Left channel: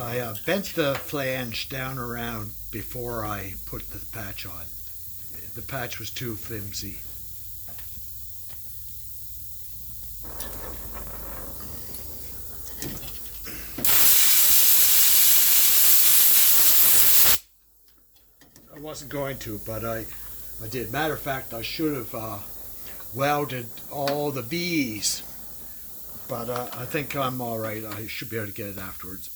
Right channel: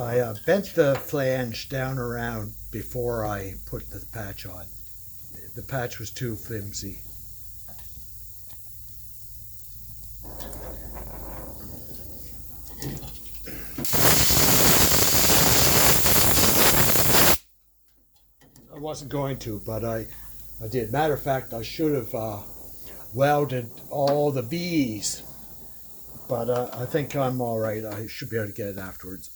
I bent the flange down around before I put the patch on. The patch was too flimsy. I wasn't going to, but I did. Matter of fact, I should have welded all the B's, but I think I'm all right. I should be able to get it afterwards.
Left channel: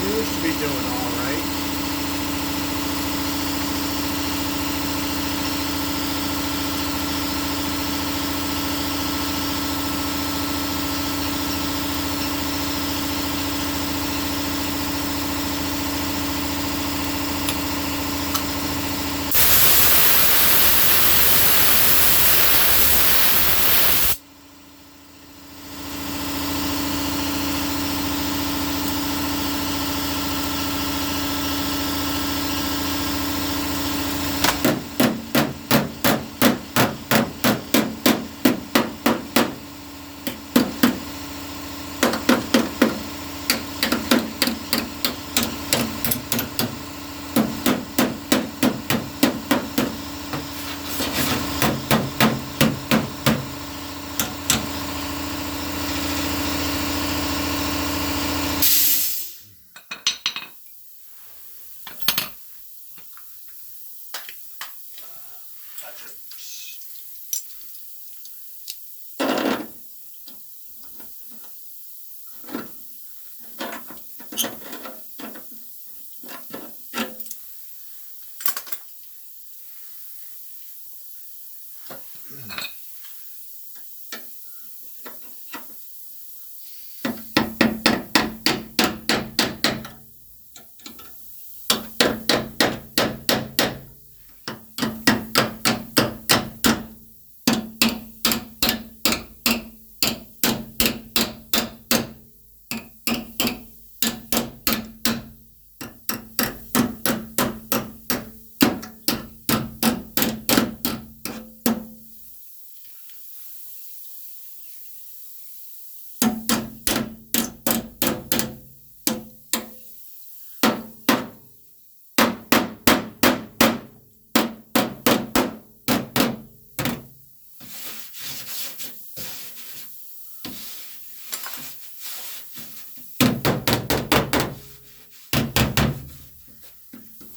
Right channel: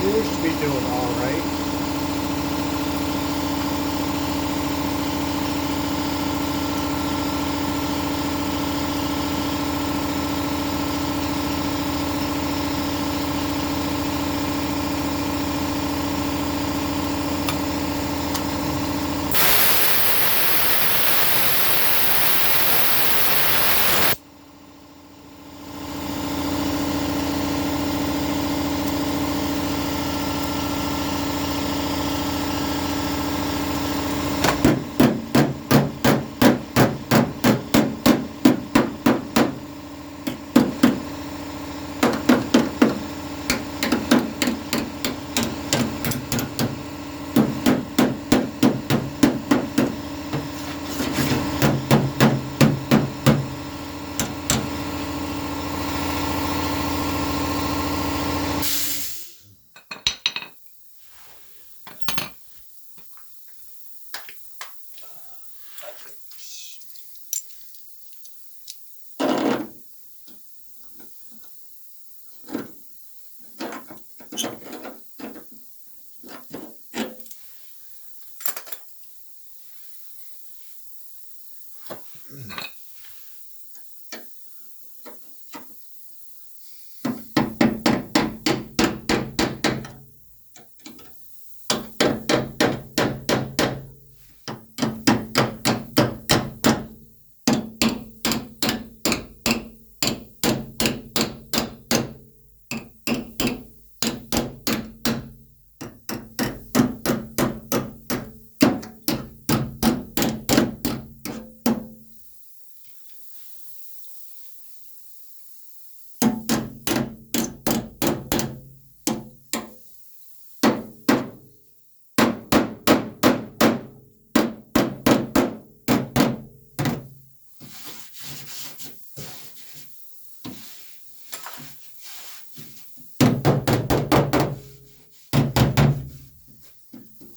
Appears to be doing all right.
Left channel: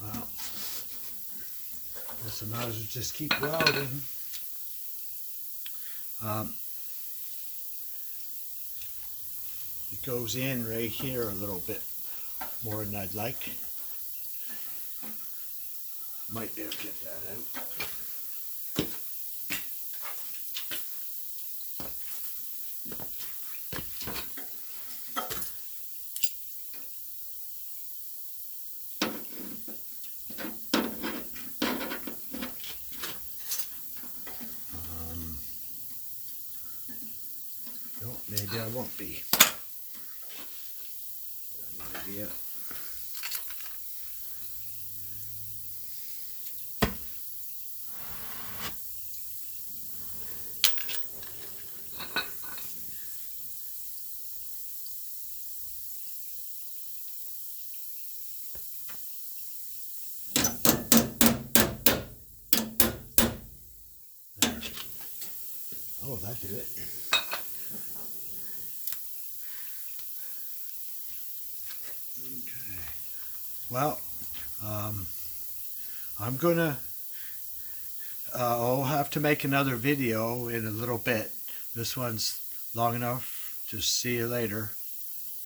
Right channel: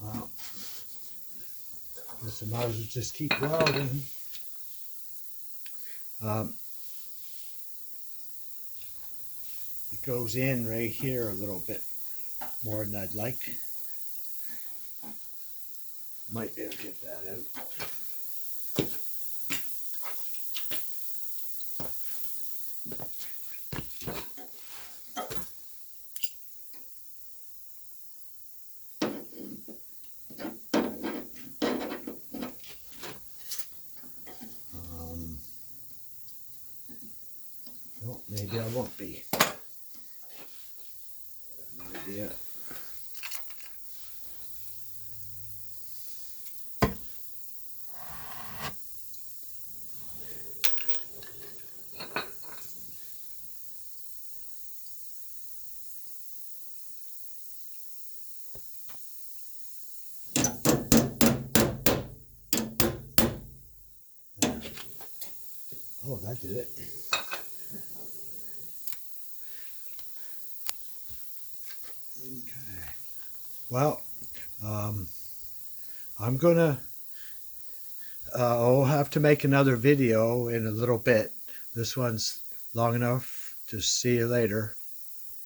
Well, guess I might as well just keep welding. It goes in right here a little bit more than I'd like. Might be able to get that out. No, maybe I won't be. No idea. Oh, that did it. Okay. Well, I'm gonna. I'll have to make another video in a little bit. This one's long enough. Just see you later.